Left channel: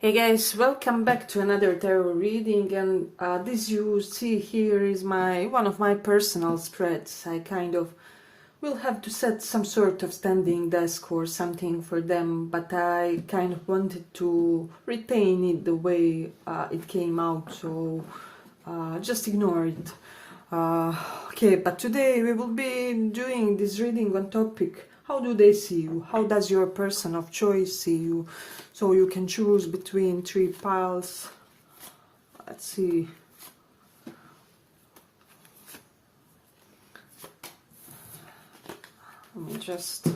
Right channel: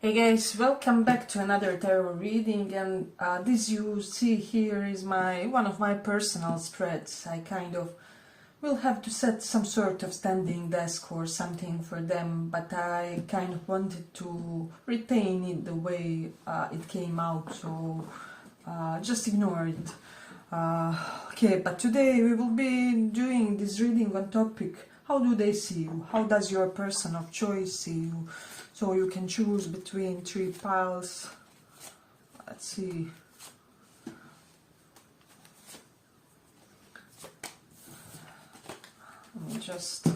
Hey guys, welcome back to another tarot reading, and this you see here is one of my personal spreads. I kind of will have to set some sort of standing desk or something for them, but I kind of wanted to retain it the way it came out, so just ignore it. Okay, but today we will be doing this reading on topic: how do they see you? How does your person of choice see you? So you can choose between three piles. Let's see. Let me just...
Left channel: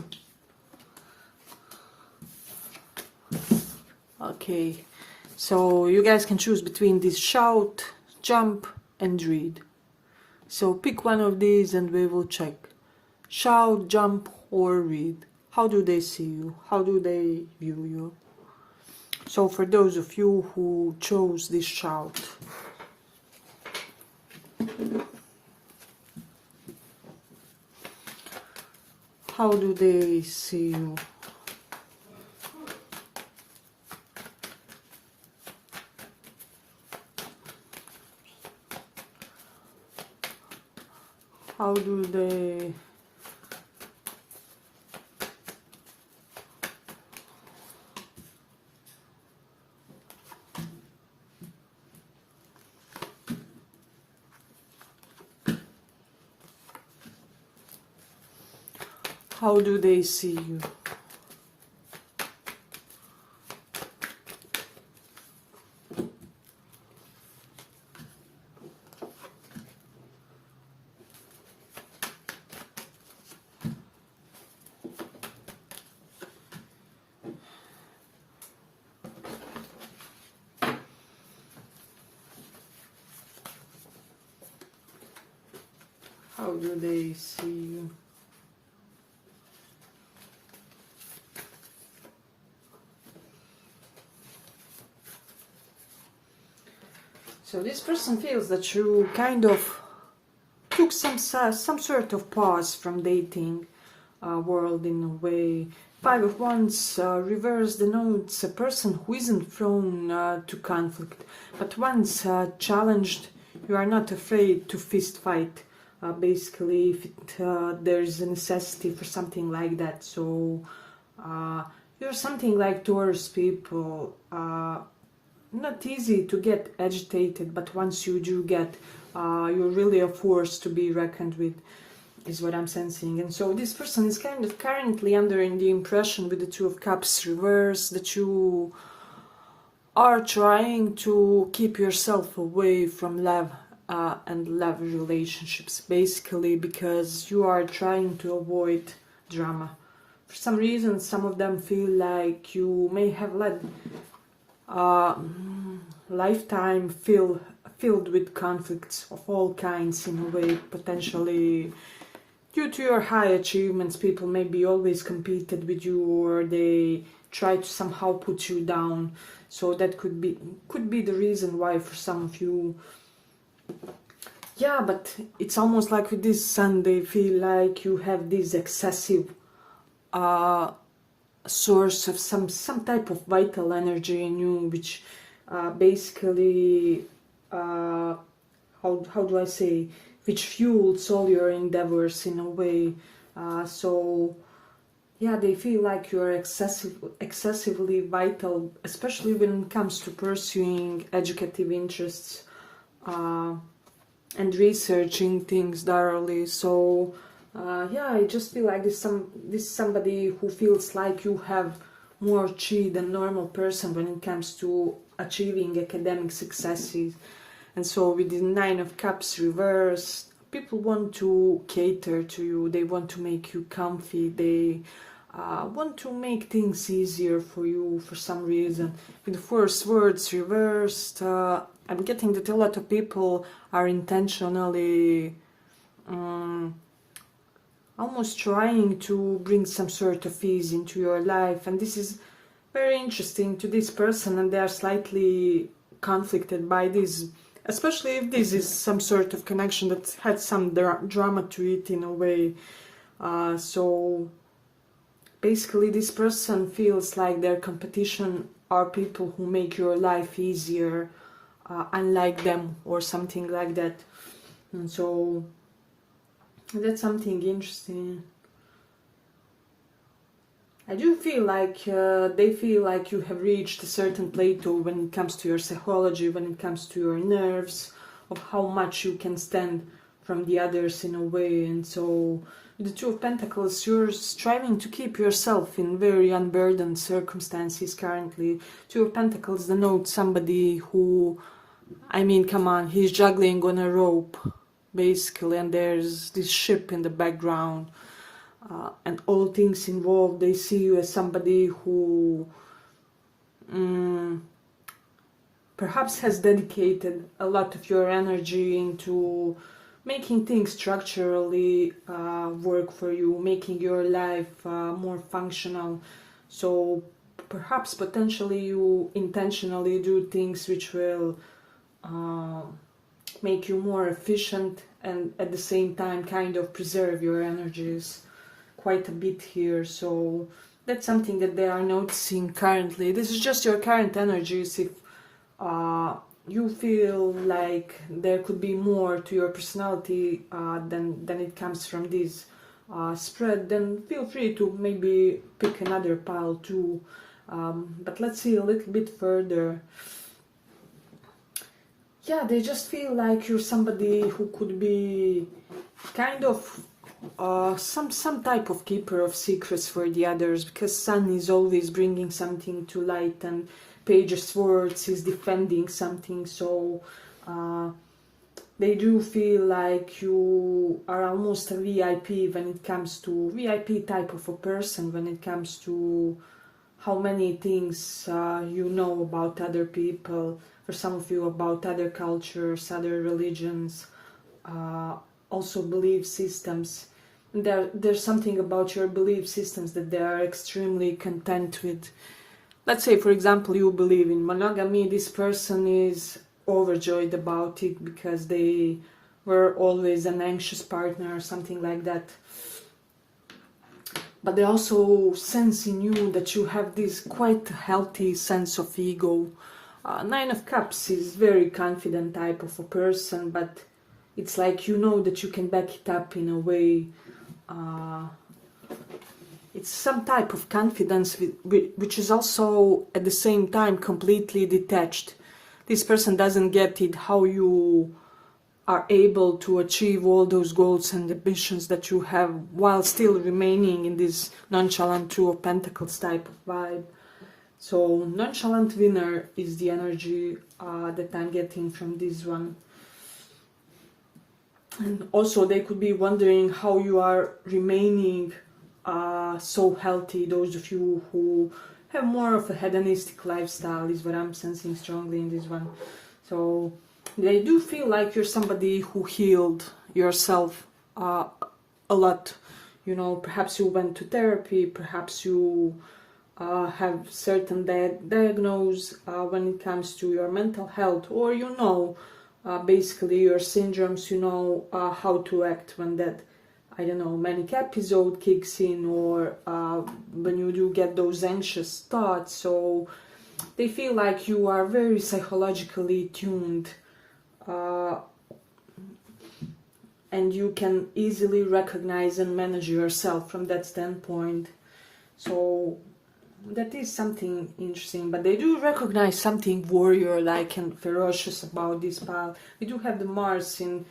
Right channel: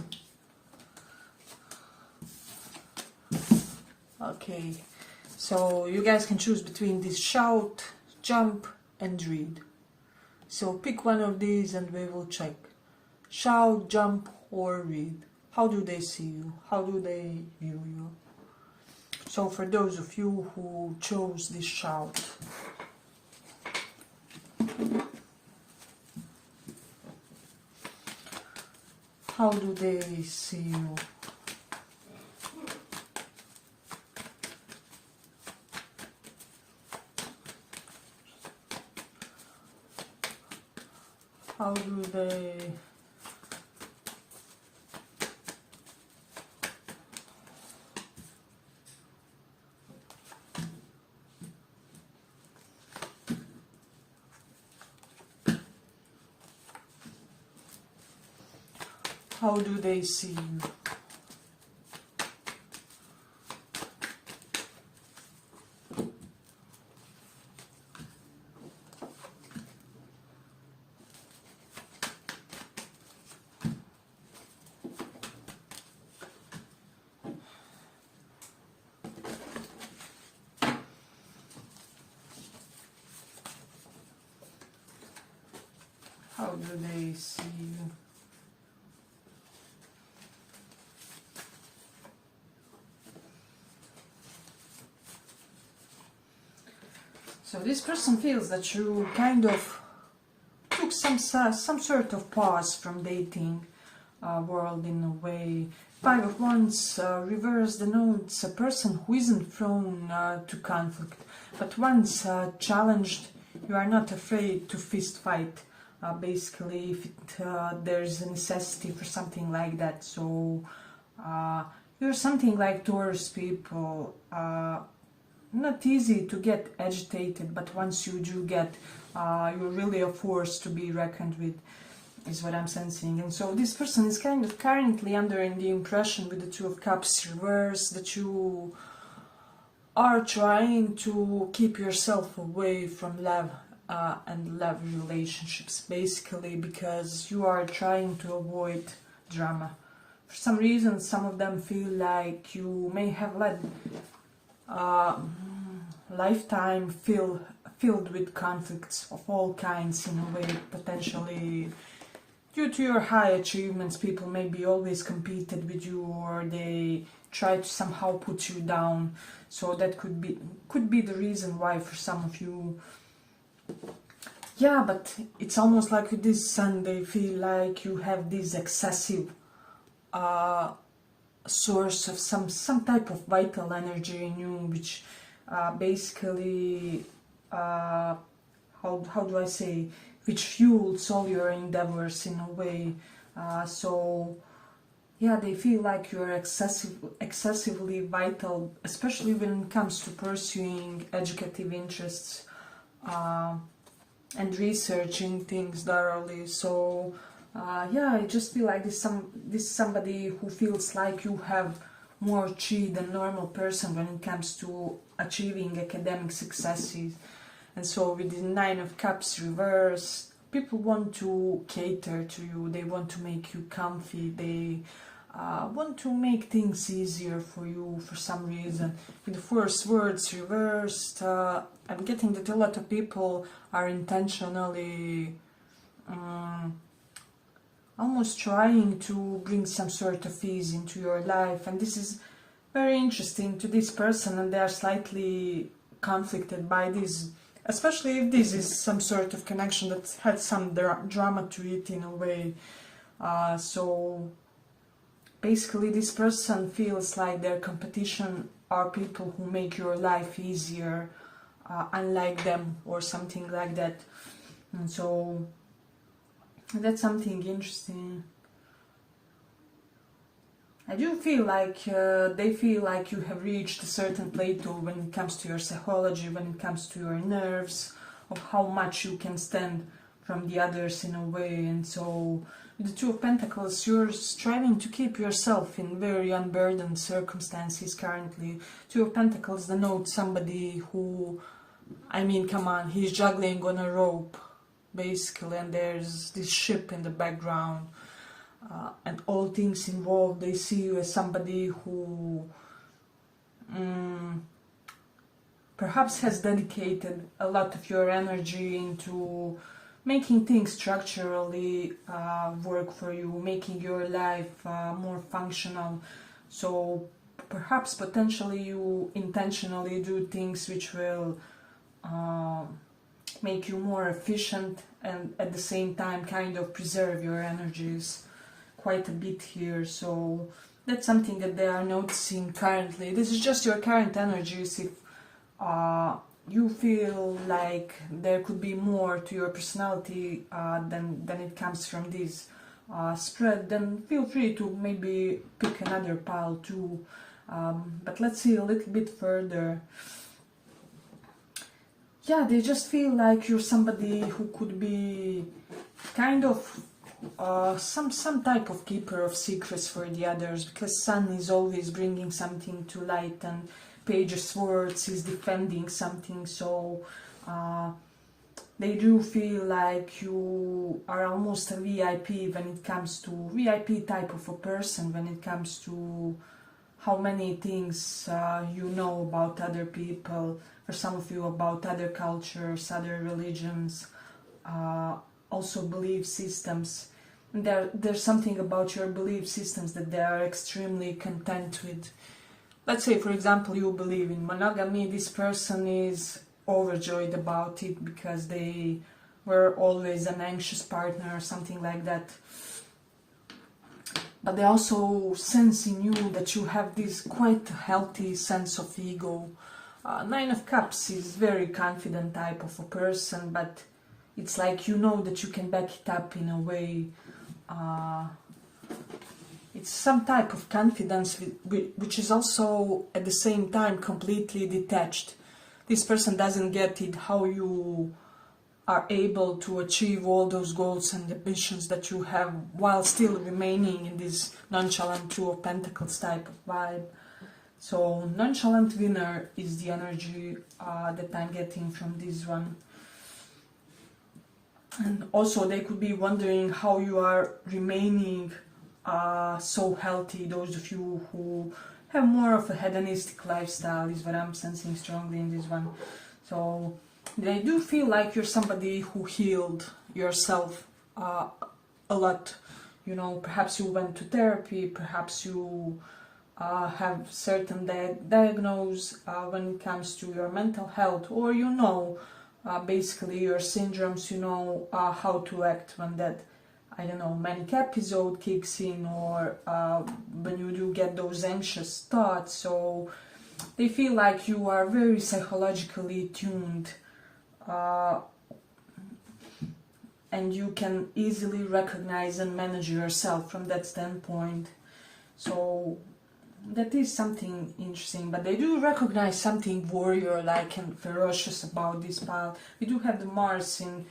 Okay, so you guys can choose between this: shout, jump, and read. So pick one of these and we will check. Shout, jump, or read. How do they see you? How do they view you? So for those of you who chose this shout, how do they see you? How do they... How do they see you? How do they see you? So this person feels that you kind of took some sort of pause from dating world in a way. Five of Wands reverse denotes a person who isn't prone to conflict, but once challenged, you are not afraid to fist fight. Basically, if there's a necessity for something like that. So you're something like Taurus people. Not easy to get agitated, but once you do get, you're really a force to be reckoned with, is what I'm sensing. And so this person is kind of currently under the impression, with the Two of Cups reversed, that you are trying to keep yourself away from love and love relationships, basically because you are trying to avoid drama. For some reason, some of them feel like you may have led lifetime filled with conflicts of all kinds, in a way. Potentially due to your high achievements, people maybe always competed with you, or they try to somehow put you down. So that could be the reason why for some of you. Yeah, but it's almost like with this Sun, they feel like you have this excessive source of some type of vital energy in you, which basically how do I say, which fuels all your endeavors in a way. So yeah, they feel like you're excessively vital, especially when it comes to pursuing educative interests and researching things thoroughly. So yeah, I just feel like this somebody who feels like you have more chi than normal person when it comes to achieving academic successes. And so with the Nine of Cups reversed, people want to cater to you, they want to make you comfy, they want to make things easier for you for some reason. With the First Words reversed, I'm getting that a lot of people are intentionally almost trying to bring some sort of ease into your life, and this is very interesting to this person, and they are slightly conflicted by this, especially if this is some sort of connection that had some drama to it in a way. So basically this person feels like their competition are people who make your life easier, unlike them or something like that. And so that's something interesting. I do feel like they feel like you have reached a certain plateau when it comes to your psychology, when it comes to your nerves, of how much you can stand from the others in a way. And so the Two of Pentacles, you're striving to keep yourself in very unburdened circumstances currently. Two of Pentacles denotes somebody who, I mean, come on, he's juggling on a rope, basically, and there's this ship in the background. And all things involved, they see you as somebody who perhaps has dedicated a lot of your energy into making things structurally work for you, making your life more functional. So perhaps potentially you intentionally do things which will make you more efficient and at the same time kind of preserve your energies quite a bit here. So that's something that they are noticing currently. This is just your current energies. If you feel like there could be more to your personality than it comes from this spread, then feel free to maybe pick another pile too. But let's see a little bit further. Yeah, they just feel like you're somebody who could be kind of some type of keeper of secrets for the others, because Sun is always bringing something to light and Page of Swords is defending something. So they do feel like you are almost a VIP when it comes to VIP type of a person when it comes to how many things you know about other people, for some of you about other cultures, other religions, also belief systems. There's something about your belief systems that they are extremely content with. Let's say, for example, you believe in monogamy. This person is overjoyed about it because they were always an anxious partner or something like that. But they also sense in you that you have this quite healthy sense of ego. Nine of Cups is very confident type of a person, but it's like you know that you can back it up in a way. It's some type of confidence which is also at the same time completely detached. This person doesn't get it how you are able to achieve all those goals and ambitions that you have while still remaining in this nonchalant Two of Pentacles type of vibe. So nonchalant winner is the energy that I'm getting from this one. And also they could be wondering how you are remaining so healthy. Those of you who have more of a hedonistic lifestyle is what I'm sensing strongly in this one. So they do feel like you're somebody who healed yourself a lot. You know, perhaps you went to therapy, perhaps you have certain diagnose when it comes to your mental health, or you know basically your syndromes, you know how to act when that, I don't know, manic episode kicks in, or when you do get those anxious thoughts. So they feel like you are very psychologically tuned and you can easily recognize and manage yourself from that standpoint. So that is something interesting, but they do recognize something warrior-like and ferocious about this pile. We do have the Mars in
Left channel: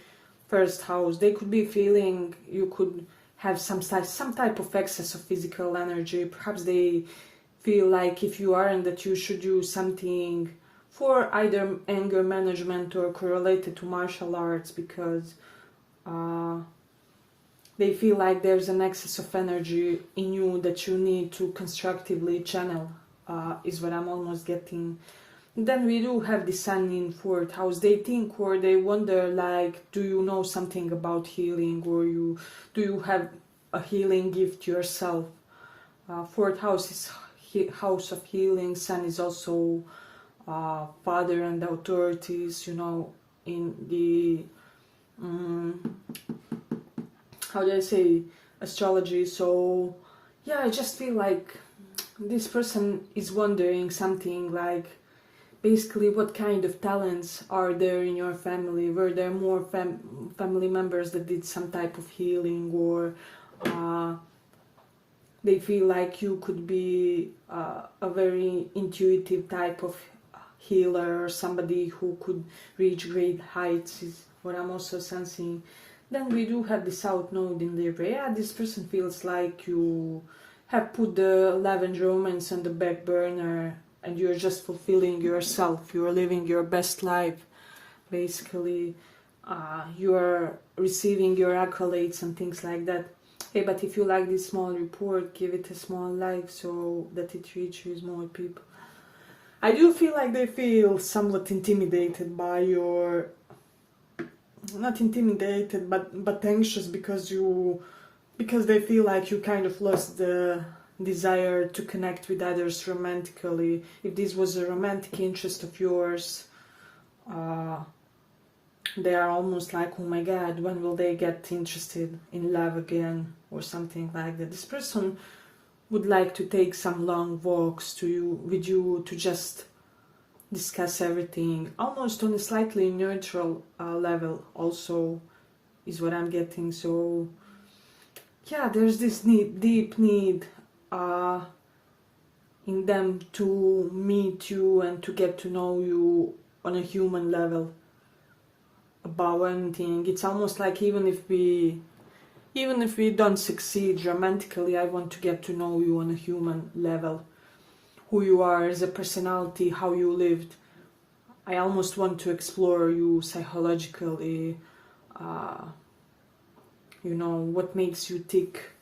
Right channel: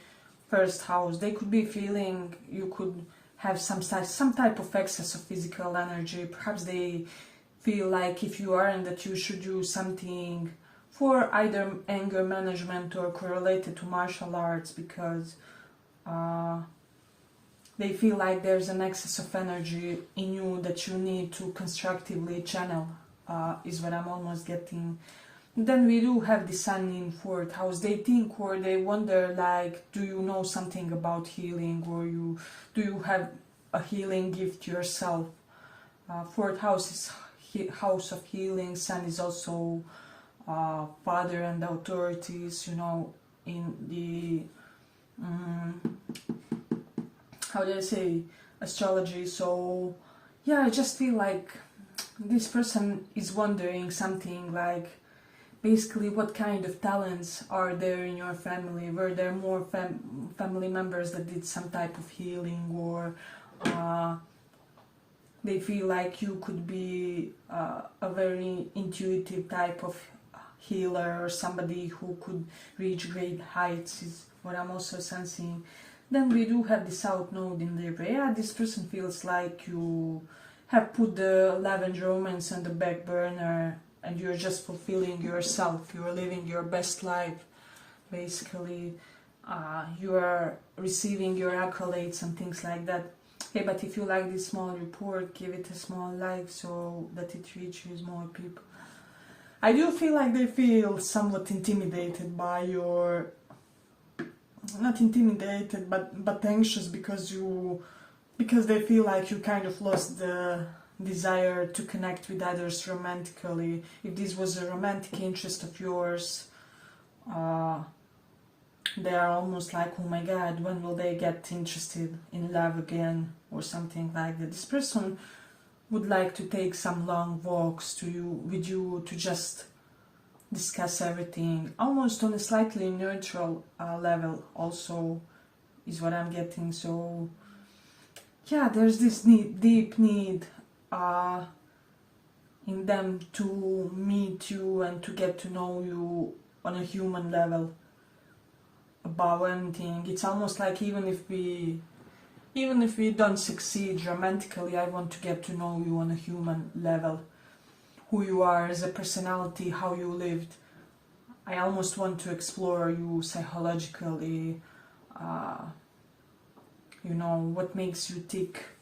first house. They could be feeling you could have some type of excess of physical energy. Perhaps they feel like if you aren't, that you should do something for either anger management or correlated to martial arts, because they feel like there's an excess of energy in you that you need to constructively channel, is what I'm almost getting. Then we do have the Sun in fourth house. They think or they wonder, like, do you know something about healing, or do you have a healing gift yourself? Fourth house is house of healing. Sun is also father and authorities, you know, in the how do I say, astrology. So yeah, I just feel like this person is wondering something like, basically, what kind of talents are there in your family? Were there more family members that did some type of healing, or they feel like you could be a very intuitive type of healer, or somebody who could reach great heights, is what I'm also sensing. Then we do have the South Node in Libra. Yeah, this person feels like you have put the love and romance on the back burner, and you're just fulfilling yourself. You're living your best life, basically. You're receiving your accolades and things like that. Hey, but if you like this small report, give it a small like so that it reaches more people. I do feel like they feel somewhat intimidated by your... Not intimidated, but anxious because they feel like you kind of lost the desire to connect with others romantically. If this was a romantic interest of yours, they are almost like, oh my god, when will they get interested in love again, or something like that. This person would like to take some long walks with you to just discuss everything, almost on a slightly neutral level also, is what I'm getting. So yeah, there's this deep need in them to meet you and to get to know you on a human level about anything. It's almost like even if we don't succeed romantically, I want to get to know you on a human level. Who you are as a personality, how you lived. I almost want to explore you psychologically, what makes you tick.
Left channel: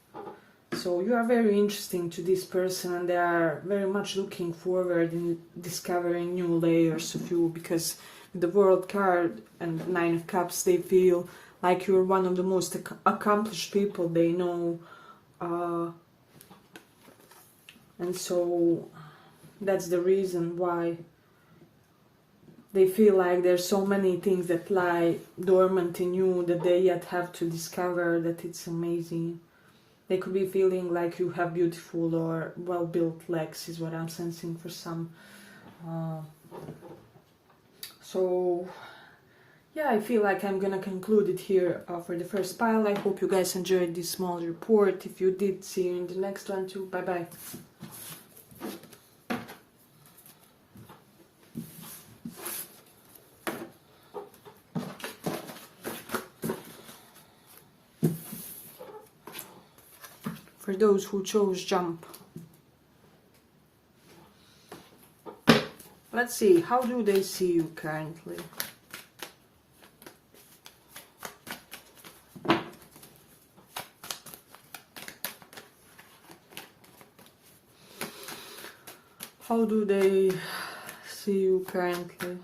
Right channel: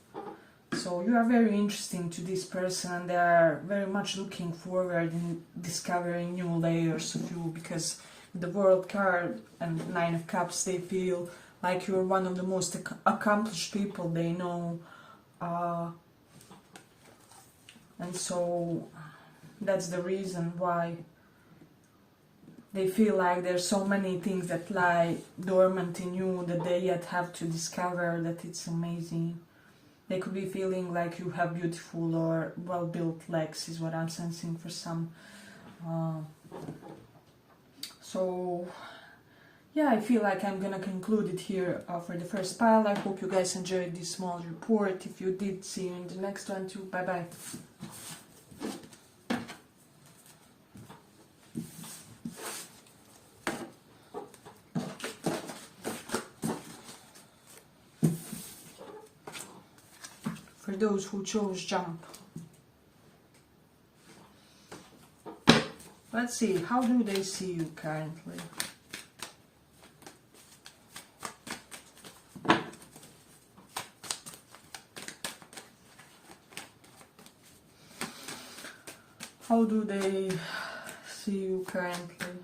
So you are very interesting to this person, and they are very much looking forward in discovering new layers of you, because the World card and Nine of Cups, they feel like you're one of the most accomplished people they know. And so that's the reason why they feel like there's so many things that lie dormant in you that they yet have to discover, that it's amazing. They could be feeling like you have beautiful or well-built legs, is what I'm sensing for some. So yeah, I feel like I'm gonna conclude it here for the first pile. I hope you guys enjoyed this small report. If you did, see you in the next one too. Bye bye. For those who chose jump. Let's see, how do they see you currently? How do they see you currently?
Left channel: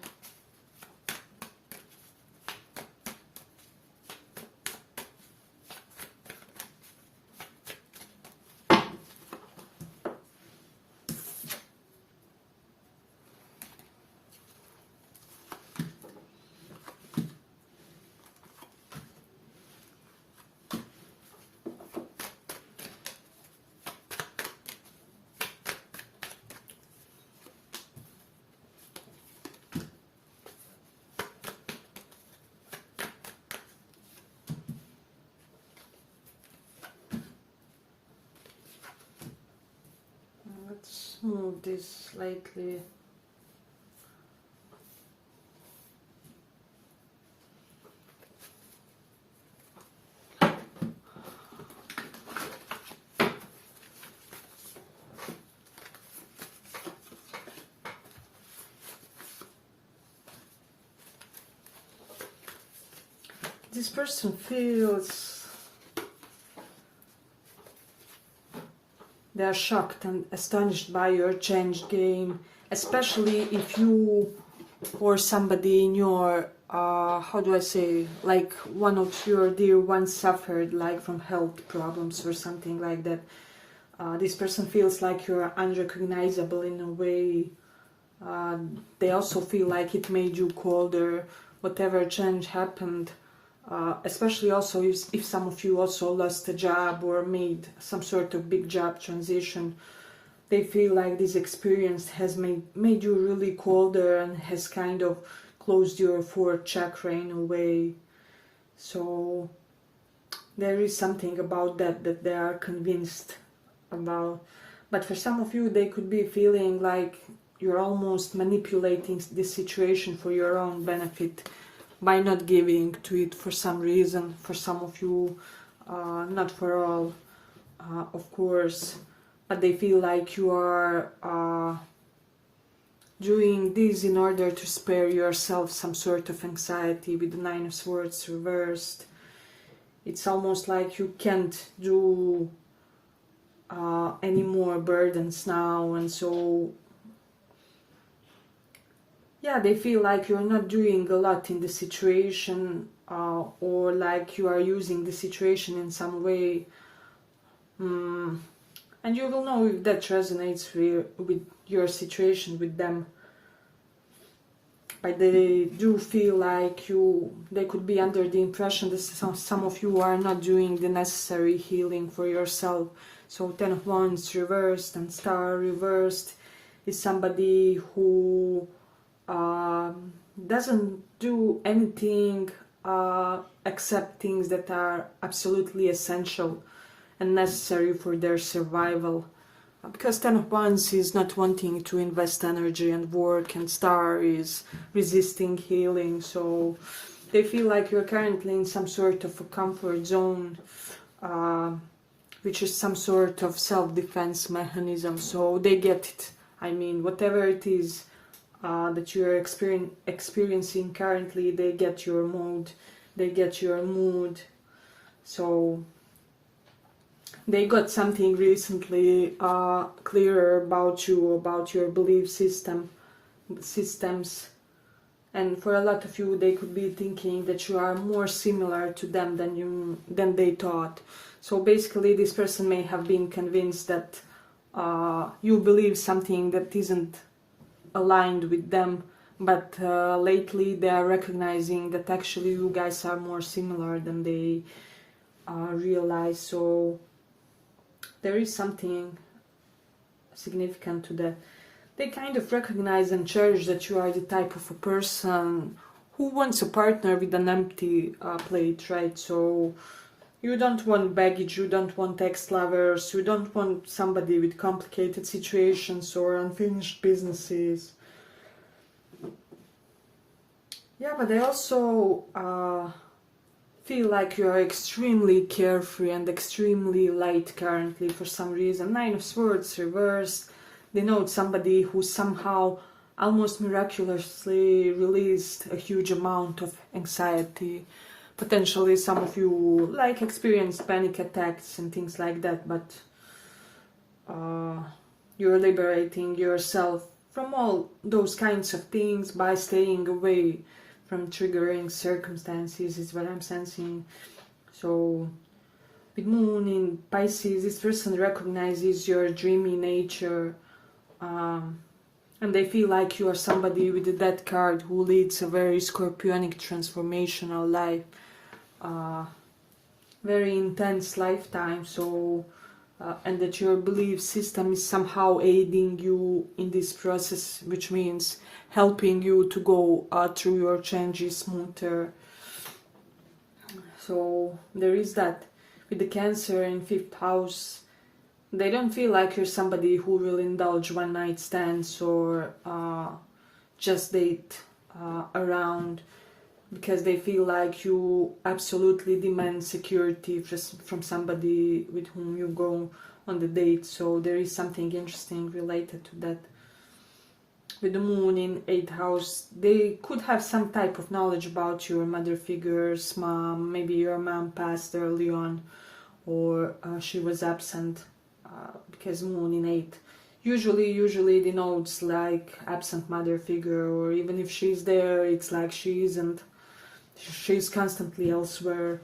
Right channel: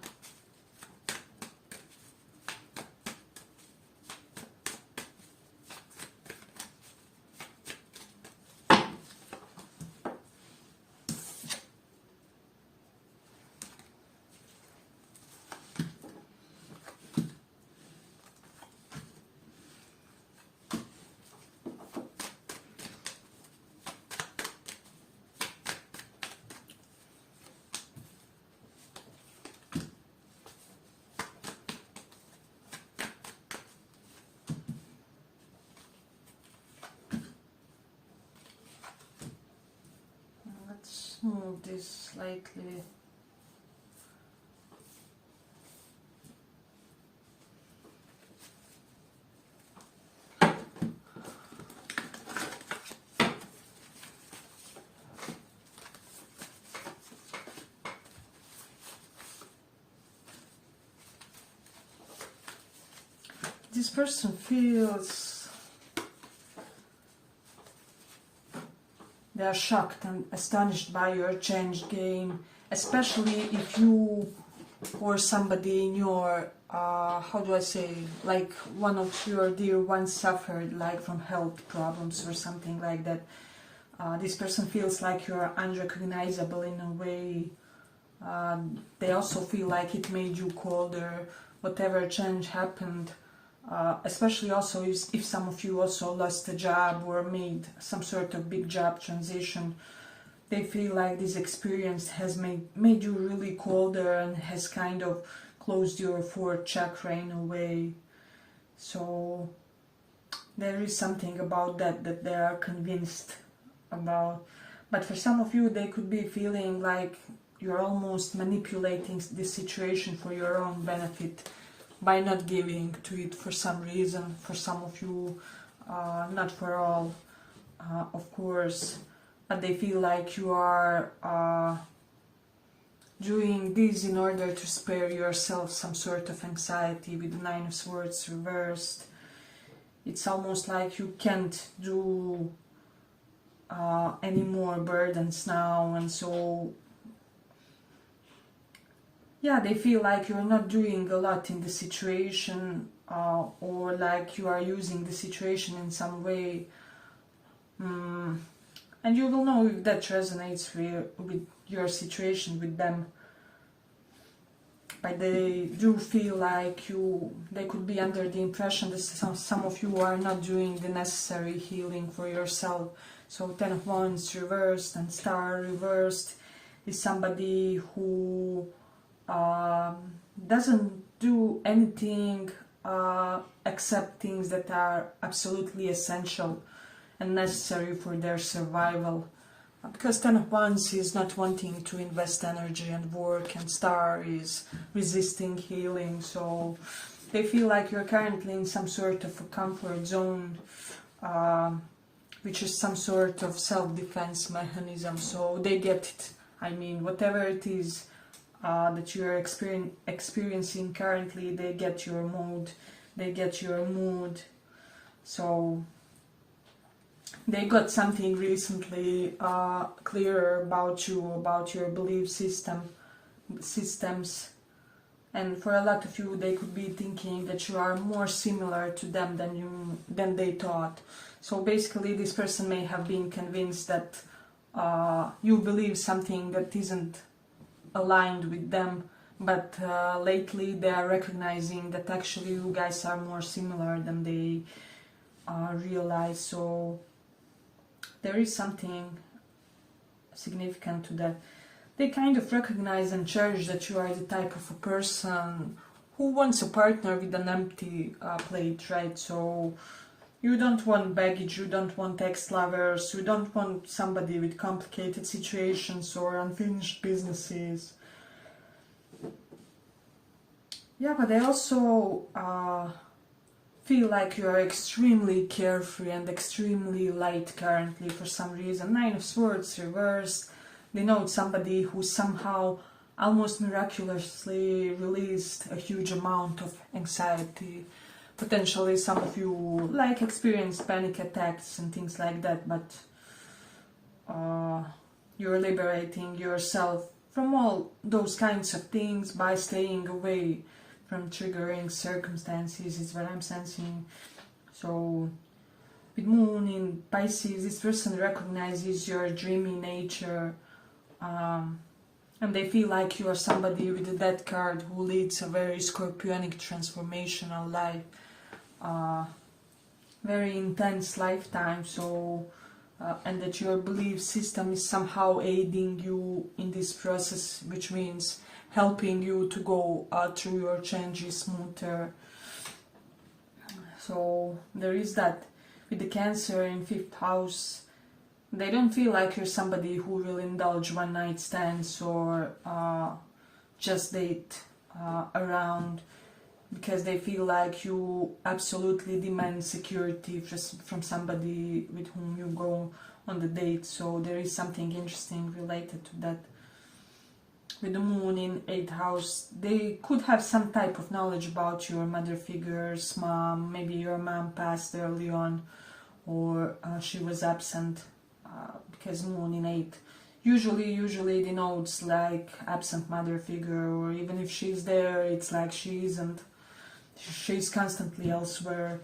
Let's move this slightly. This person feels they are shocked and astonished by your changed game, especially if you or somebody in your, how do I say, like one of your dear ones suffered like from health problems or something like that. This person feels like you're unrecognizable in a way. They also feel like it made you colder, whatever change happened. Especially also if some of you also lost a job or made some sort of big job transition. they feel like this experience has made you really colder and has kind of closed your fourth chakra in a way. So there is something about that they are convinced about. But for some of you, they could be feeling like you're almost manipulating this situation for your own benefit by not giving to it for some reason. For some of you, not for all, of course, but they feel like you are doing this in order to spare yourself some sort of anxiety. With the Nine of Swords reversed, it's almost like you can't do any more burdens now, and so yeah, they feel like you're not doing a lot in the situation, or like you are using the situation in some way. And you will know if that resonates with your situation with them. But they do feel like they could be under the impression that some of you are not doing the necessary healing for yourself. So 10 of Wands reversed and Star reversed is somebody who doesn't do anything except things that are absolutely essential and necessary for their survival. Because 10 of Wands is not wanting to invest energy and work, and Star is resisting healing. So they feel like you're currently in some sort of a comfort zone, which is some sort of self-defense mechanism. So they get it. I mean, whatever it is that you're experiencing currently, they get your mood, they get your mood. So they got something recently clearer about you, about your belief systems, and for a lot of you, they could be thinking that you are more similar to them than they thought. So basically, this person may have been convinced that you believe something that isn't aligned with them, but lately they are recognizing that actually you guys are more similar than they realize. So there is something significant to that. They kind of recognize and cherish that you are the type of a person who wants a partner with an empty plate, right? So you don't want baggage, you don't want ex-lovers, you don't want somebody with complicated situations or unfinished businesses. Yeah, but they also feel like you're extremely carefree and extremely light currently for some reason. Nine of Swords reversed. They know somebody who somehow almost miraculously released a huge amount of anxiety. Potentially some of you like experienced panic attacks and things like that, but you're liberating yourself from all those kinds of things by staying away from triggering circumstances, is what I'm sensing. So with Moon in Pisces, this person recognizes your dreamy nature, and they feel like you are somebody with the Death card who leads a very scorpionic transformational life, very intense lifetime. So and that your belief system is somehow aiding you in this process, which means helping you to go through your changes smoother. So there is that. With the Cancer in 5th house, they don't feel like you're somebody who will indulge one night stands or just date around, because they feel like you absolutely demand security from somebody with whom you go on the date. So there is something interesting related to that. With the Moon in 8th house, they could have some type of knowledge about your mother figures, mom. Maybe your mom passed early on, or she was absent, because Moon in 8th usually denotes like absent mother figure, or even if she's there, it's like she's constantly elsewhere.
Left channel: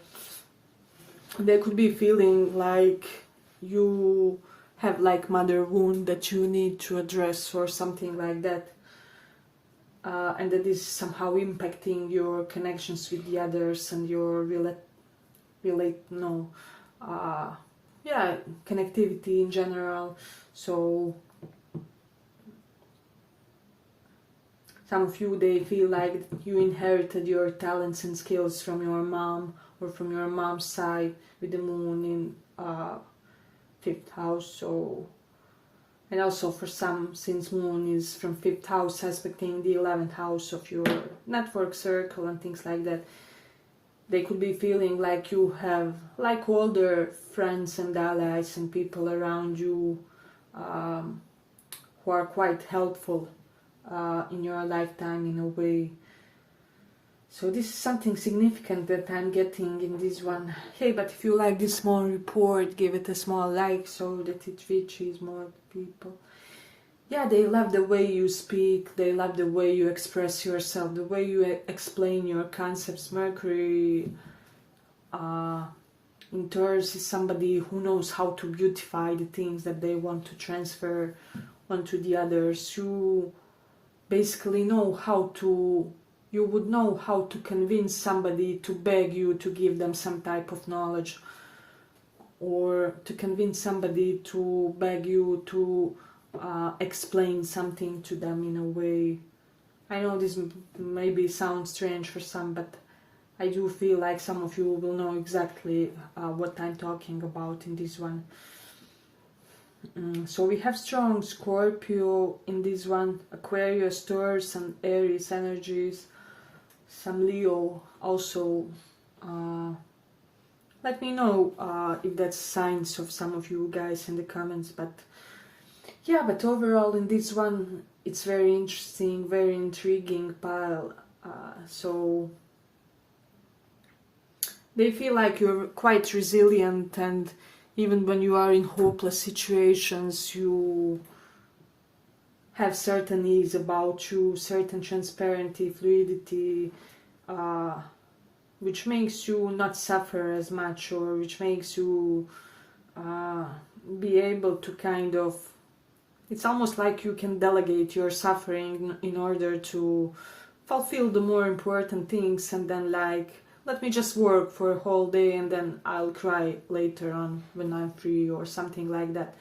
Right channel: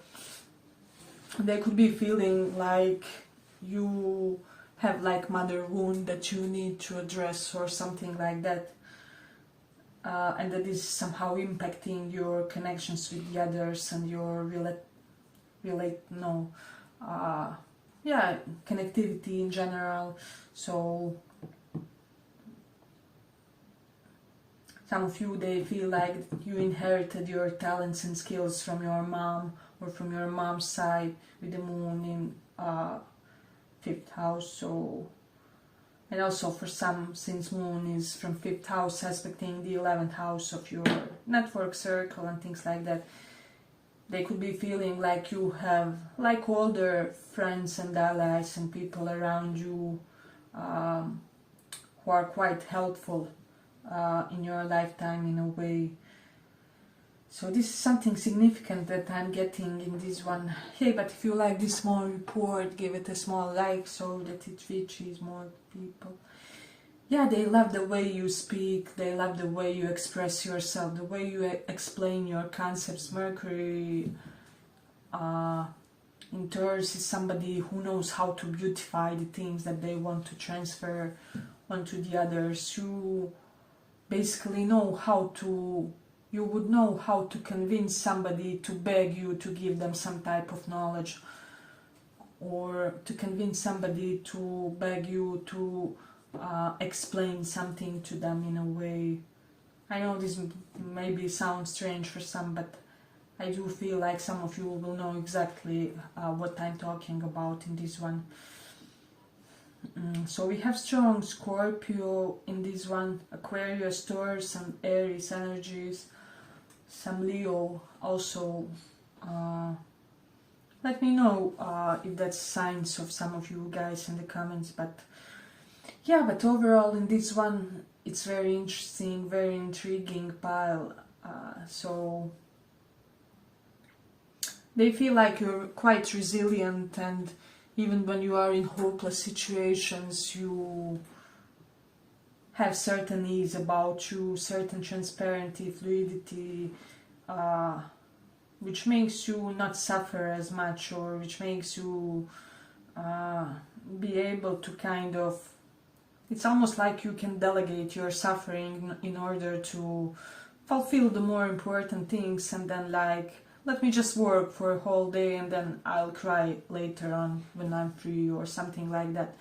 They could be feeling like you have like mother wound that you need to address or something like that, and that is somehow impacting your connections with the others and your connectivity in general. So Some of you, they feel like you inherited your talents and skills from your mom or from your mom's side, with the moon in 5th house. So, and also for some, since moon is from 5th house aspecting the 11th house of your network circle and things like that, they could be feeling like you have like older friends and allies and people around you who are quite helpful in your lifetime in a way. So this is something significant that I'm getting in this one. Hey, but if you like this small report, give it a small like so that it reaches more people. Yeah, they love the way you speak, they love the way you express yourself, the way you explain your concepts. Mercury in Taurus is somebody who knows how to beautify the things that they want to transfer onto the others. You basically know how to, you would know how to convince somebody to beg you to give them some type of knowledge, or to convince somebody to beg you to explain something to them in a way. I know this maybe sounds strange for some, but I do feel like some of you will know exactly what I'm talking about in this one. So we have strong Scorpio in this one, Aquarius, Taurus and Aries energies, some Leo also. Let me know if that's signs of some of you guys in the comments. But yeah, but overall in this one it's very interesting, very intriguing pile. So they feel like you're quite resilient, and even when you are in hopeless situations, you have certain ease about you, certain transparency, fluidity, which makes you not suffer as much, or which makes you be able to kind of, it's almost like you can delegate your suffering in order to fulfill the more important things, and then like, let me just work for a whole day and then I'll cry later on when I'm free, or something like that.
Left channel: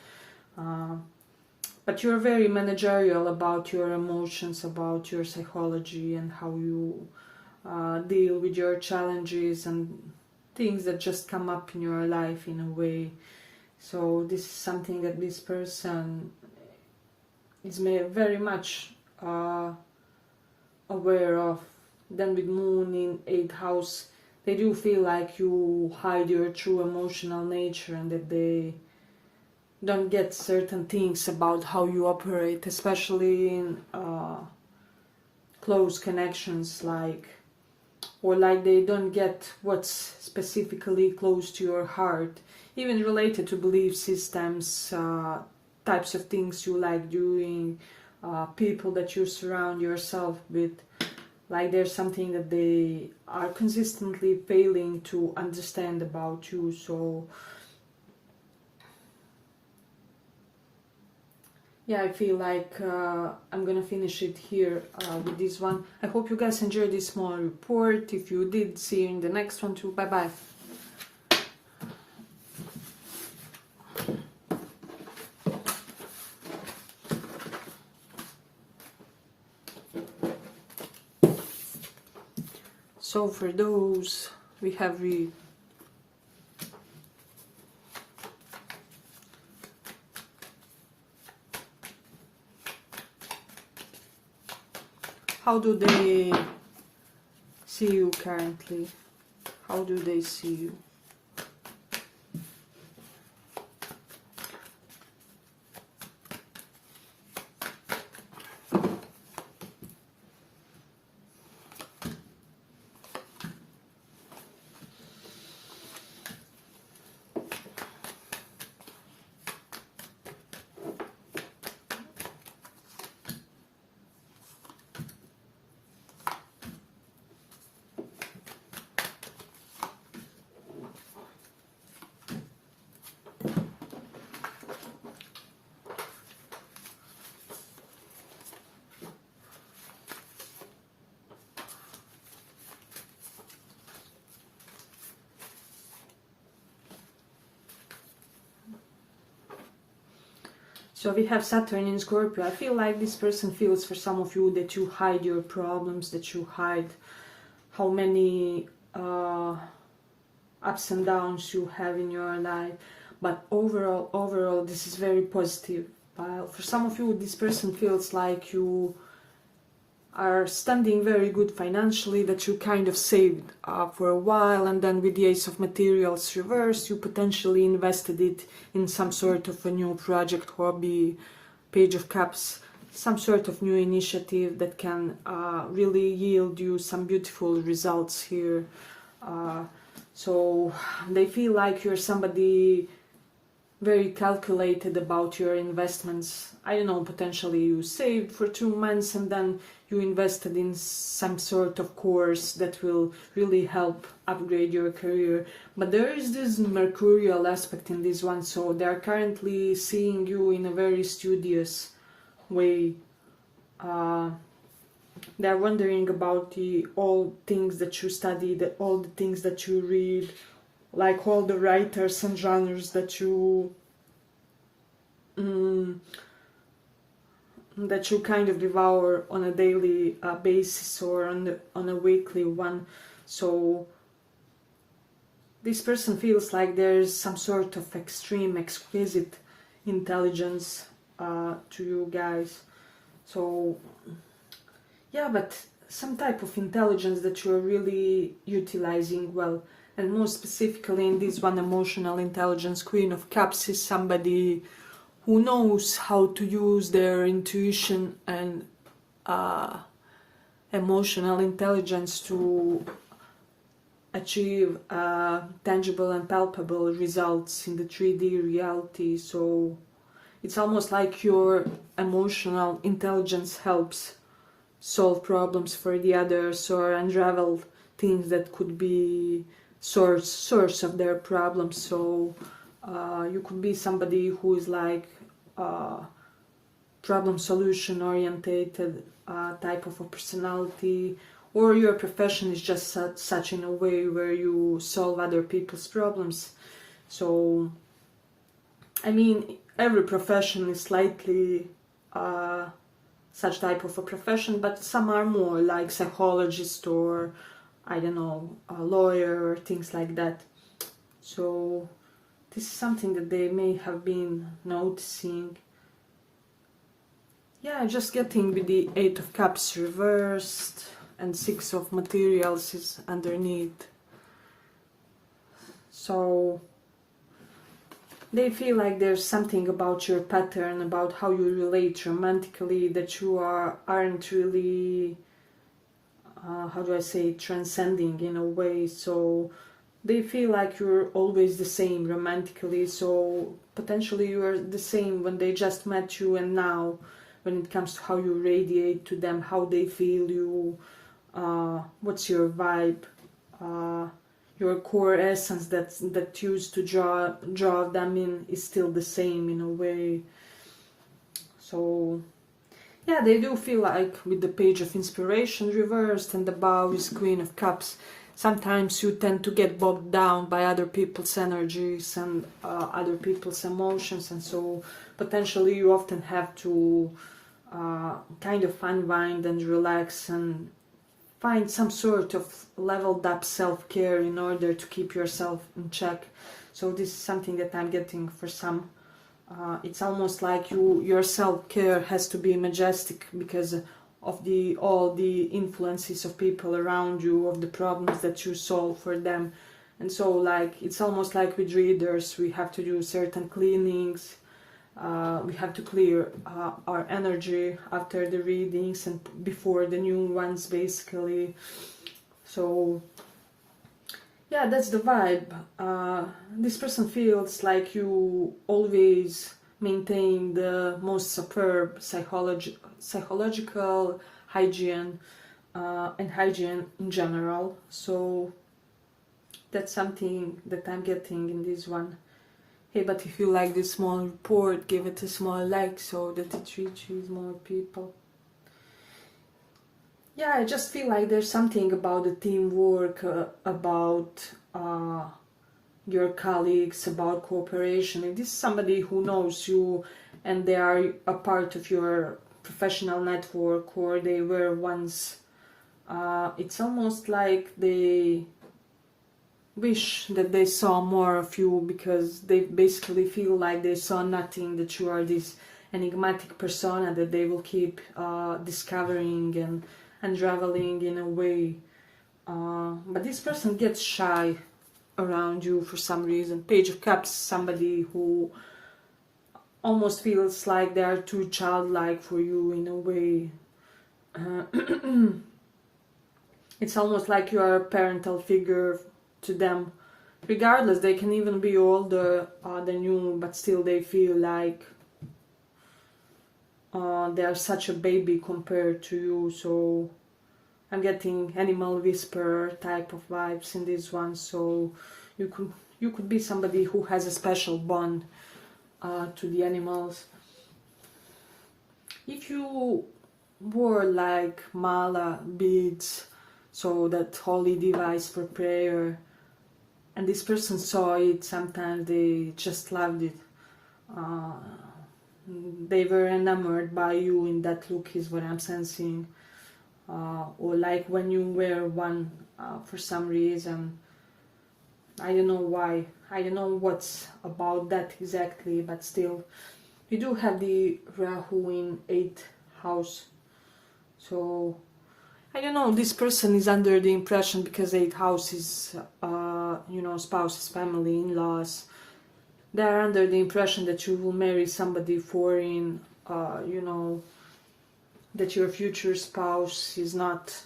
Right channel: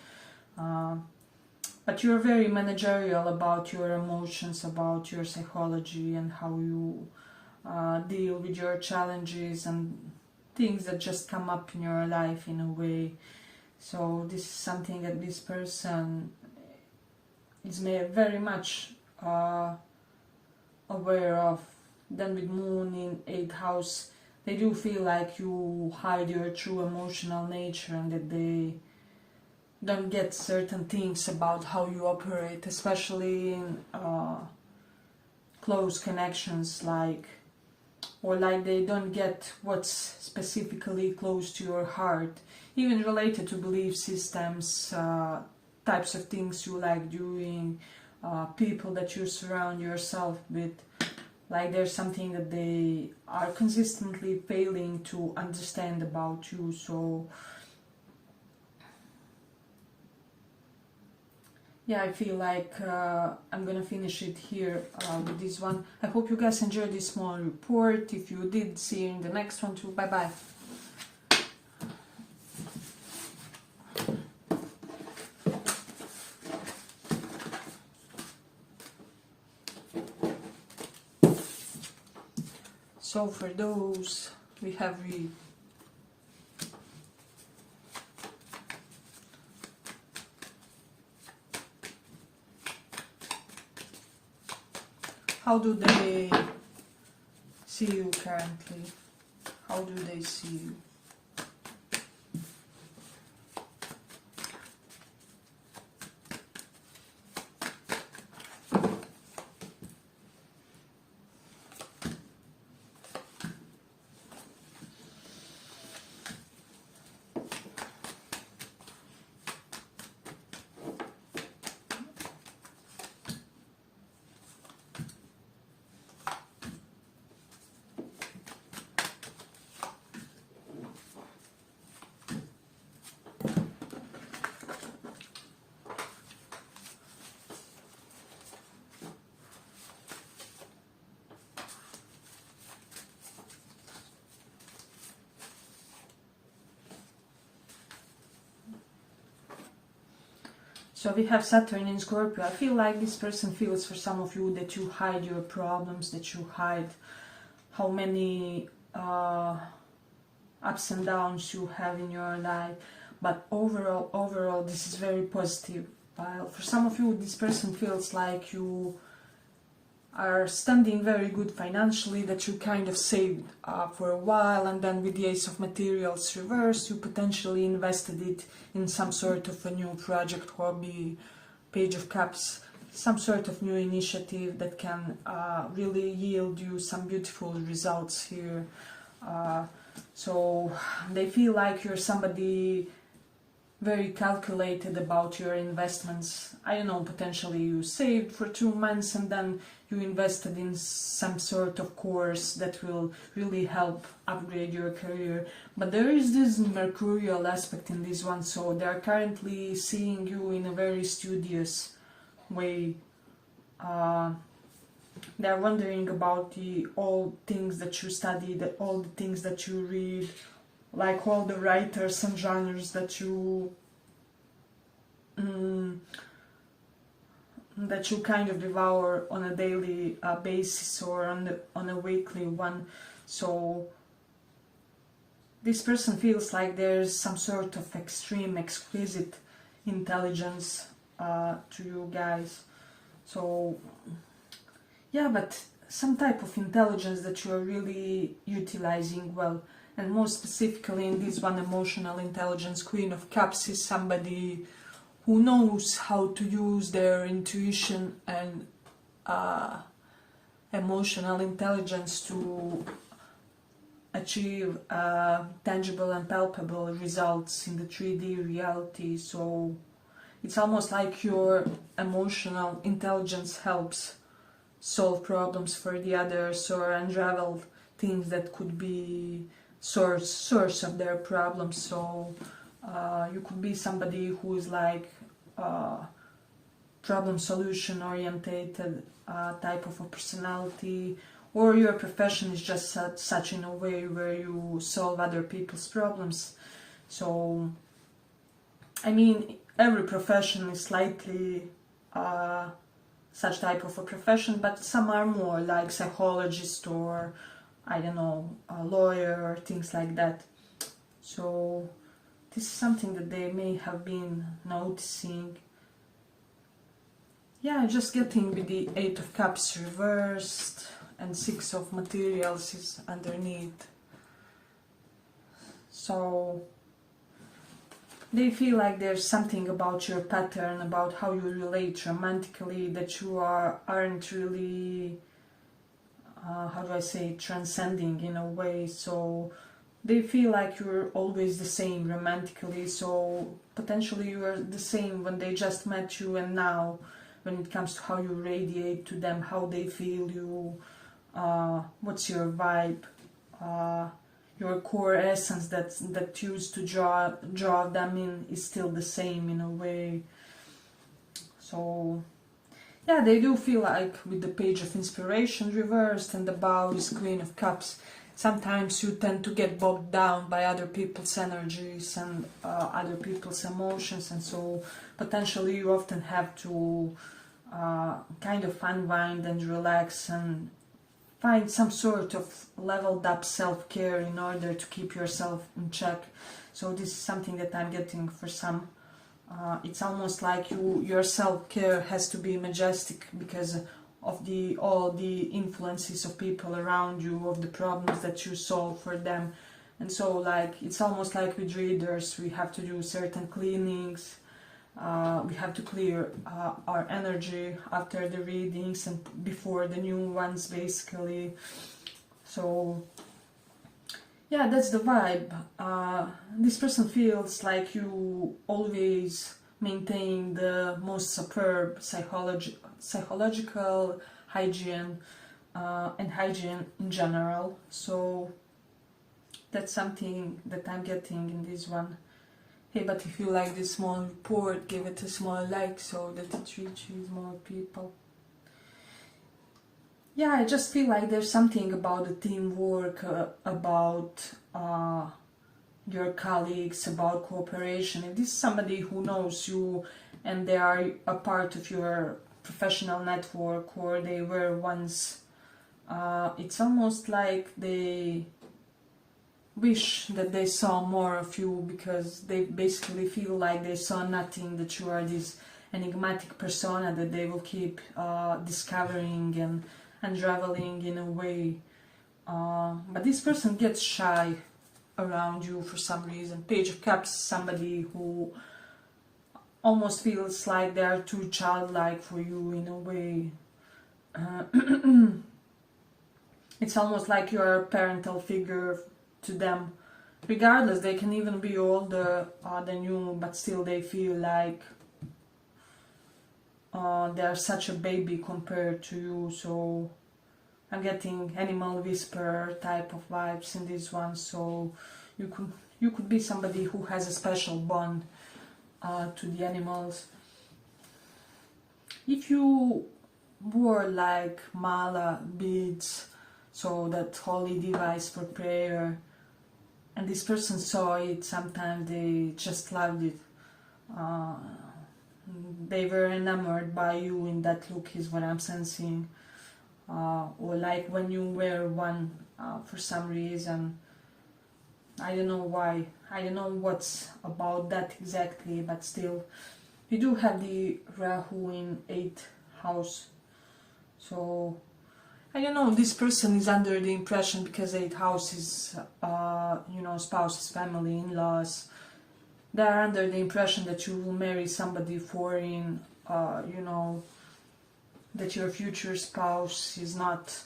But you're very managerial about your emotions, about your psychology, and how you deal with your challenges and things that just come up in your life in a way. So this is something that this person is very much aware of. Then with moon in 8th house, they do feel like you hide your true emotional nature, and that they don't get certain things about how you operate, especially in close connections, like, or like they don't get what's specifically close to your heart, even related to belief systems, types of things you like doing, people that you surround yourself with. Like there's something that they are consistently failing to understand about you. So yeah, I feel like I'm gonna finish it here with this one. I hope you guys enjoyed this small report. If you did, see you in the next one too. Bye bye. So for those, we have read how do they see you currently? How do they see you? So we have Saturn in Scorpio. I feel like this person feels for some of you that you hide your problems, that you hide how many ups and downs you have in your life. But overall, this is very positive. For some of you, this person feels like you are standing very good financially, that you kind of saved for a while, and then with the Ace of Materials reversed, you potentially invested it in some sort of a new project, hobby, Page of Cups, some sort of new initiative that can really yield you some beautiful results here. So they feel like you're somebody very calculated about your investments. I don't know, potentially you saved for 2 months and then you invested in some sort of course that will really help upgrade your career. But there is this mercurial aspect in this one, so they're currently seeing you in a very studious way. They're wondering about all things that you study, all the things that you read, like all the writers and genres that you kind of devour on a daily basis or on a weekly one. So this person feels like there's some sort of extreme, exquisite intelligence to you guys. So yeah, but some type of intelligence that you're really utilizing well. And more specifically in this one, emotional intelligence, Queen of Cups is somebody who knows how to use their intuition and emotional intelligence to achieve tangible and palpable results in the 3D reality. So it's almost like your emotional intelligence helps solve problems for the others or unravel things that could be source of their problems. So you could be somebody who is like problem solution orientated type of a personality, or your profession is just such in a way where you solve other people's problems. So I mean, every profession is slightly such type of a profession, but some are more like psychologist or I don't know, a lawyer or things like that. So this is something that they may have been noticing. Yeah, just getting with the 8 of Cups reversed and 6 of Materials is underneath. So they feel like there's something about your pattern, about how you relate romantically, that you aren't really how do I say, transcending in a way. So they feel like you're always the same romantically, so potentially you're the same when they just met you and now when it comes to how you radiate to them, how they feel you, what's your vibe, your core essence that used to draw them in is still the same in a way. So yeah, they do feel like with the Page of Inspiration reversed and above is Queen of Cups, sometimes you tend to get bogged down by other people's energies and other people's emotions, and so potentially you often have to kind of unwind and relax and find some sort of leveled up self-care in order to keep yourself in check. So this is something that I'm getting for some. It's almost like your self-care has to be majestic because of all the influences of people around you, of the problems that you solve for them. And so like it's almost like with readers, we have to do certain cleanings, we have to clear our energy after the readings and before the new ones basically. So yeah, that's the vibe. This person feels like you always maintain the most superb psychological hygiene and hygiene in general. So that's something that I'm getting in this one. Hey, but if you like this small report, give it a small like so that it reaches more people. Yeah, I just feel like there's something about the teamwork, about your colleagues, about cooperation. If this is somebody who knows you and they are a part of your professional network, or they were once. It's almost like they wish that they saw more of you, because they basically feel like they saw nothing, that you are this enigmatic persona that they will keep discovering and unraveling in a way. But this person gets shy around you for some reason. Page of Cups, somebody who almost feels like they are too childlike for you in a way. It's almost like you are a parental figure to them. Regardless, they can even be older than you, but still they feel like they are such a baby compared to you. So I'm getting animal whisperer type of vibes in this one. So you could be somebody who has a special bond to the animals. If you wore like mala beads, so that holy device for prayer, and this person saw it, sometimes they just loved it. They were enamored by you in that look, is what I'm sensing. Or like when you wear one for some reason. I don't know why. I don't know what's about that exactly, but still. You do have the Rahu in 8th house. So, I don't know, this person is under the impression, because 8th house is, spouses, family, in-laws. They're under the impression that you will marry somebody foreign, that your future spouse is not,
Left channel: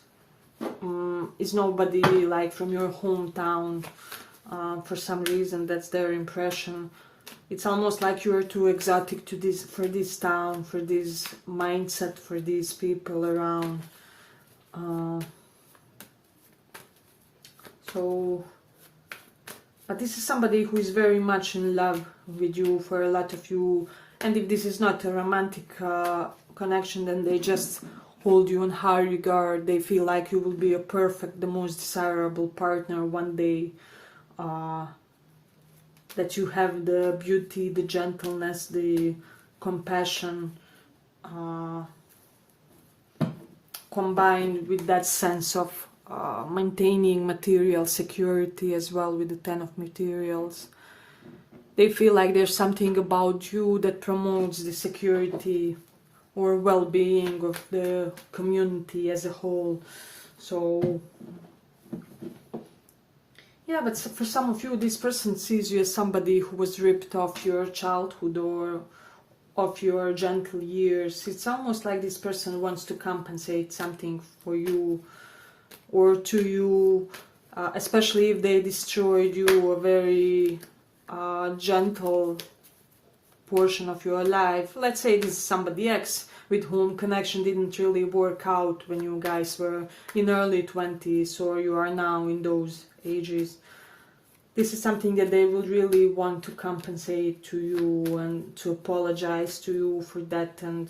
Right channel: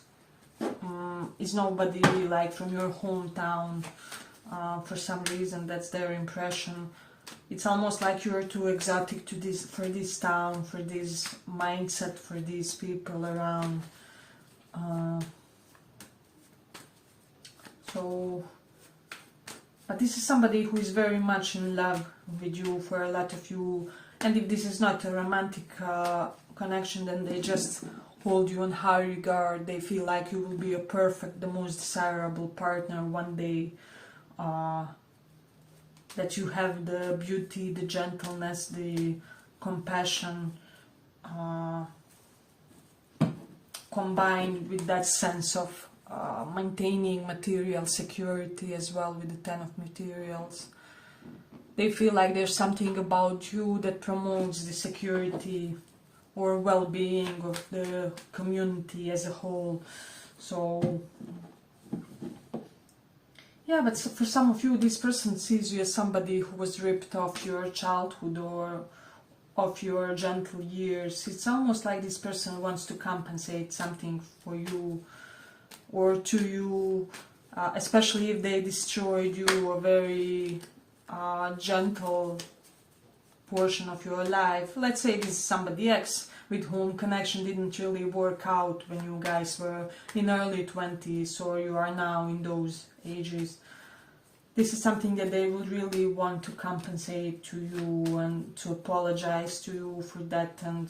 is nobody like from your hometown. For some reason, that's their impression. It's almost like you're too exotic to this, for this town, for this mindset, for these people around. But this is somebody who is very much in love with you, for a lot of you. And if this is not a romantic connection, then they just hold you in high regard. They feel like you will be a perfect, the most desirable partner one day. That you have the beauty, the gentleness, the compassion, combined with that sense of maintaining material security as well, with the 10 of materials. They feel like there's something about you that promotes the security or well-being of the community as a whole. So yeah, but for some of you, this person sees you as somebody who was ripped off your childhood or of your gentle years. It's almost like this person wants to compensate something for you or to you, especially if they destroyed you a very gentle portion of your life. Let's say this is somebody else with whom connection didn't really work out when you guys were in early 20s, or you are now in those ages. This is something that they would really want to compensate to you and to apologize to you for that. And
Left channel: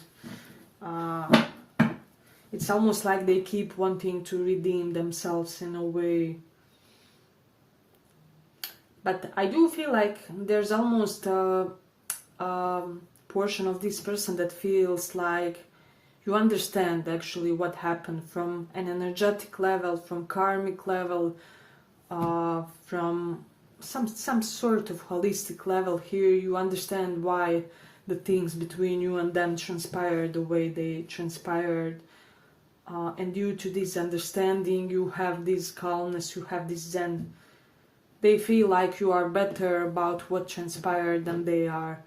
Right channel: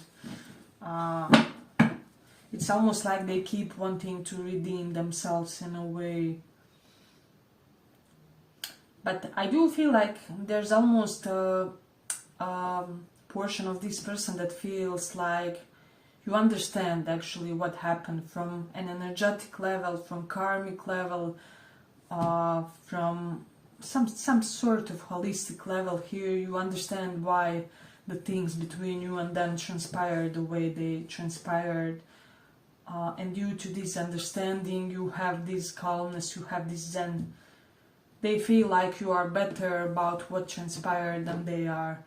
it's almost like they keep wanting to redeem themselves in a way. But I do feel like there's almost a portion of this person that feels like you understand actually what happened from an energetic level, from karmic level, from some sort of holistic level here. You understand why the things between you and them transpired the way they transpired. And due to this understanding, you have this calmness, you have this zen. They feel like you are better about what transpired than they are.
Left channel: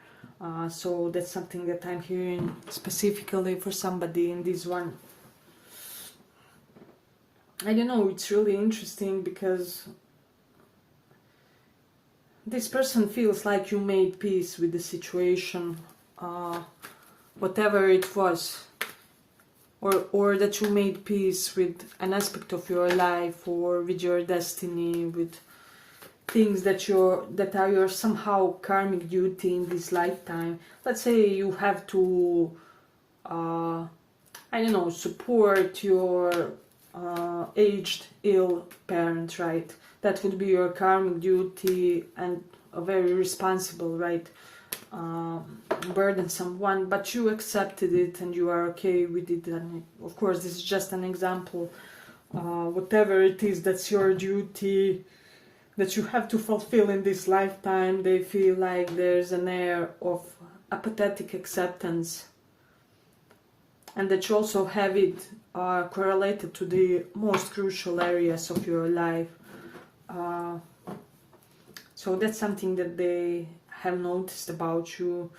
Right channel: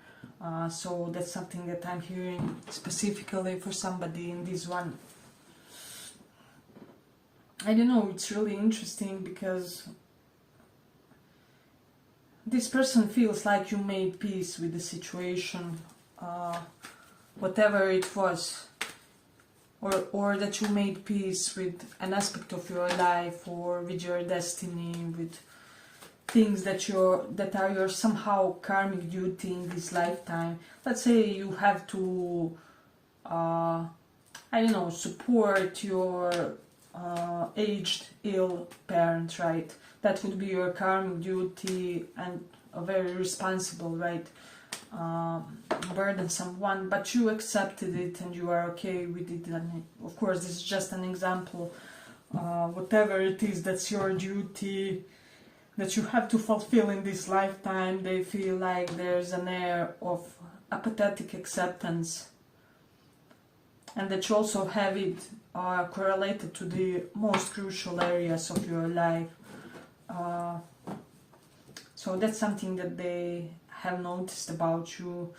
So that's something that I'm hearing specifically for somebody in this one. I don't know, it's really interesting because this person feels like you made peace with the situation, whatever it was, or that you made peace with an aspect of your life or with your destiny, with things that are your somehow karmic duty in this lifetime. Let's say you have to, support your aged, ill parent, right? That would be your karmic duty and a very responsible, right? burdensome one, but you accepted it and you are okay with it. And of course, this is just an example. Whatever it is that's your duty, that you have to fulfill in this lifetime, they feel like there's an air of apathetic acceptance, and that you also have it correlated to the most crucial areas of your life. So that's something that they have noticed about you,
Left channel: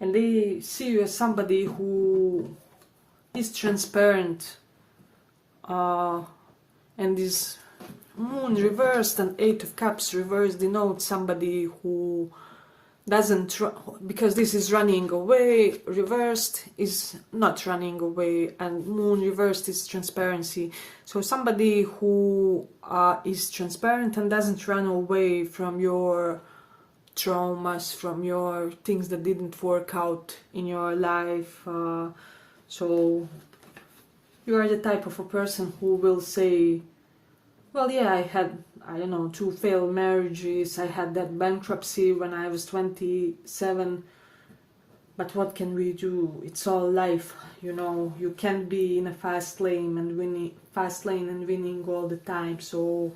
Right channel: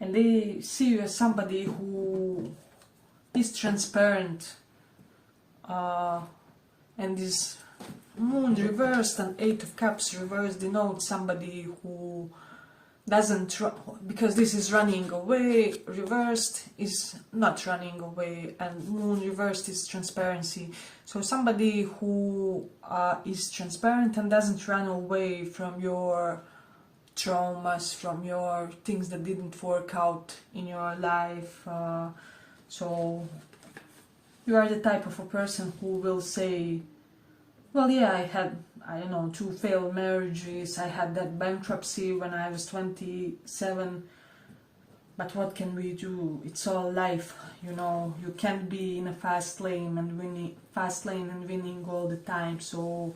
and they see you as somebody who is transparent, and this Moon reversed and Eight of Cups reversed denotes somebody who doesn't, because this is running away, reversed is not running away, and Moon reversed is transparency. So somebody who is transparent and doesn't run away from your traumas, from your things that didn't work out in your life. So you are the type of a person who will say, well, yeah, I had, I don't know, 2 failed marriages, I had that bankruptcy when I was 27, but what can we do? It's all life, you know. You can't be in a fast lane and winning all the time. So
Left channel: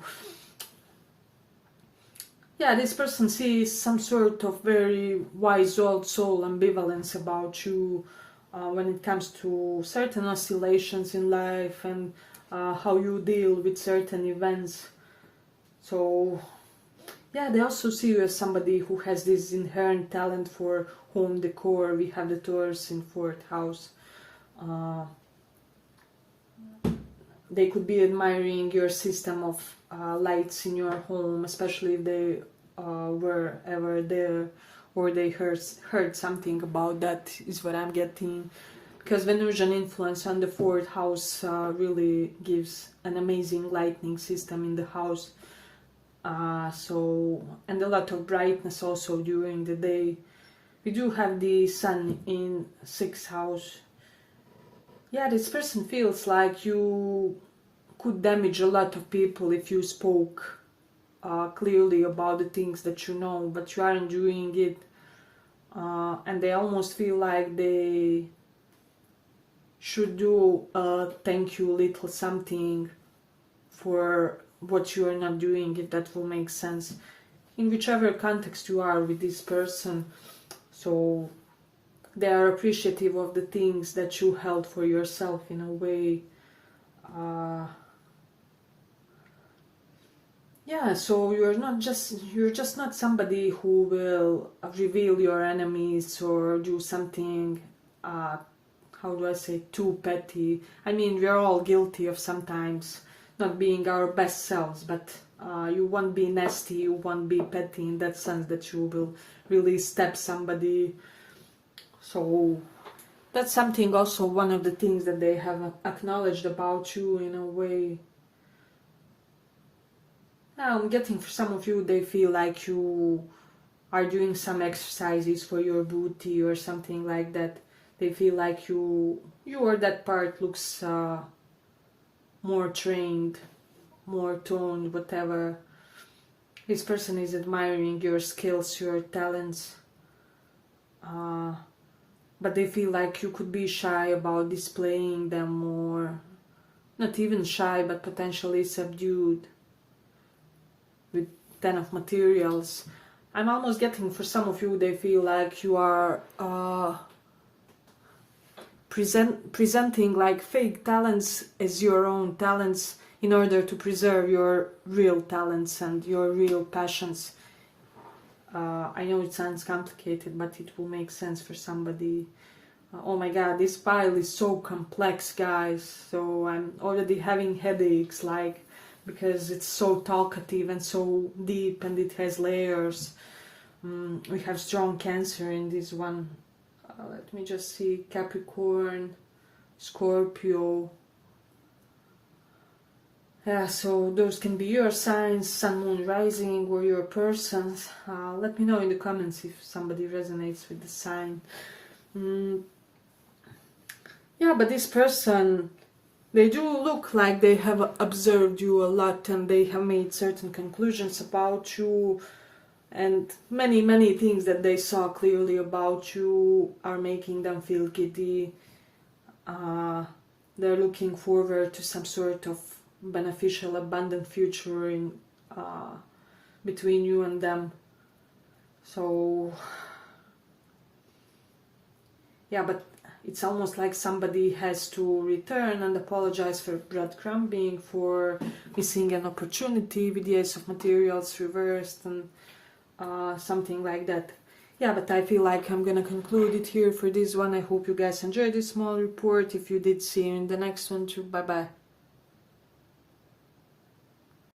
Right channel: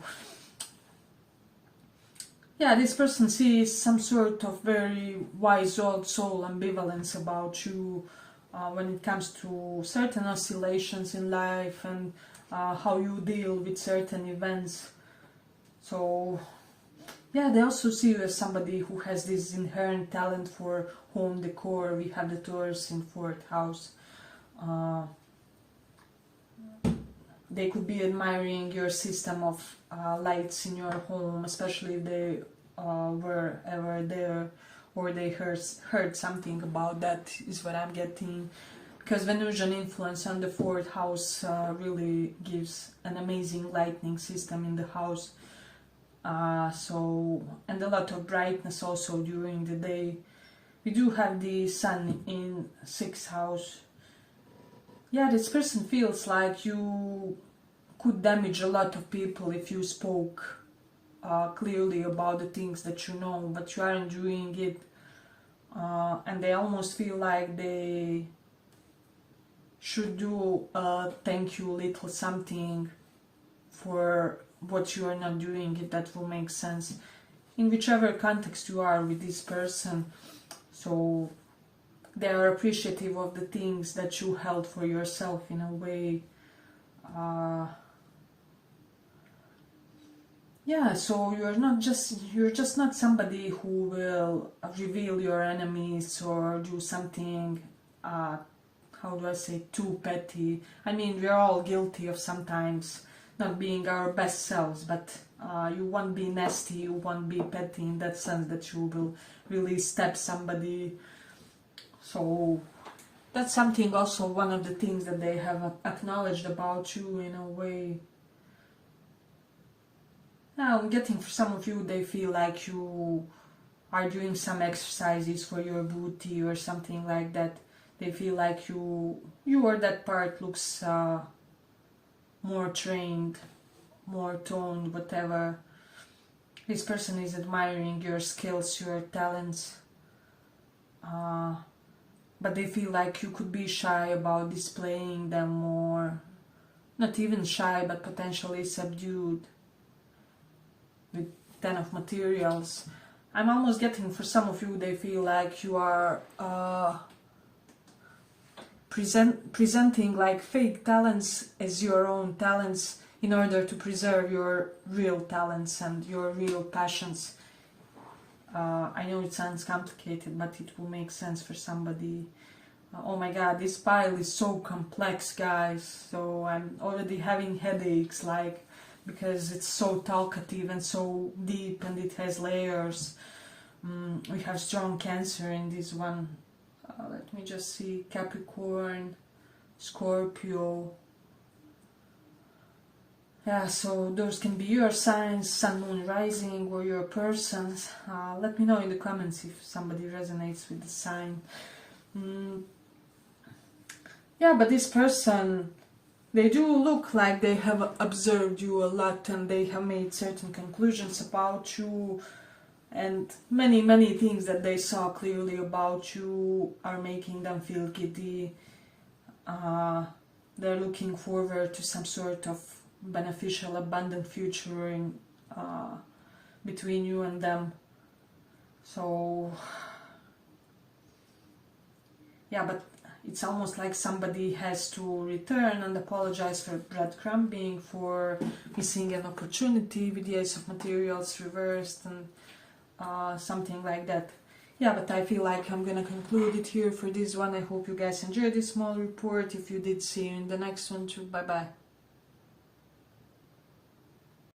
yeah, this person sees some sort of very wise old soul ambivalence about you when it comes to certain oscillations in life and how you deal with certain events. So yeah, they also see you as somebody who has this inherent talent for home decor. We have the Taurus in 4th house. They could be admiring your system of lights in your home, especially if they were ever there, or they heard something about that, is what I'm getting. Because Venusian influence on the 4th house really gives an amazing lighting system in the house. And a lot of brightness also during the day. We do have the sun in 6th house. Yeah, this person feels like you could damage a lot of people if you spoke clearly about the things that you know, but you aren't doing it. And they almost feel like they should do a thank you little something for what you are not doing, if that will make sense, in whichever context you are with this person. So they are appreciative of the things that you held for yourself in a way. Yeah, so you're just not somebody who will reveal your enemies or do something how do I say, too petty. I mean, we're all guilty of sometimes not being our best selves, but you won't be nasty, you won't be petty in that sense that you will really stab somebody. So that's something also, one of the things that they have acknowledged about you in a way. I'm getting, for some of you, they feel like you are doing some exercises for your booty or something like that. They feel like you or that part looks more trained, more toned, whatever. This person is admiring your skills, your talents. But they feel like you could be shy about displaying them more. Not even shy, but potentially subdued. With 10 of materials. I'm almost getting, for some of you, they feel like you are presenting like fake talents as your own talents in order to preserve your real talents and your real passions. I know it sounds complicated, but it will make sense for somebody. Oh my god, this pile is so complex, guys. So I'm already having headaches, like, because it's so talkative and so deep and it has layers. We have strong Cancer in this one. Let me just see, Capricorn, Scorpio. Yeah, so those can be your signs, Sun, Moon, Rising, or your persons. Let me know in the comments if somebody resonates with the sign. Yeah, but this person, they do look like they have observed you a lot and they have made certain conclusions about you. and many things that they saw clearly about you are making them feel giddy. They're looking forward to some sort of beneficial, abundant future in between you and them. So yeah, but it's almost like somebody has to return and apologize for breadcrumbing, for missing an opportunity with the Ace of Materials reversed, and something like that. Yeah, but I feel like I'm gonna conclude it here for this one. I hope you guys enjoyed this small report. If you did, see you in the next one too. Bye bye.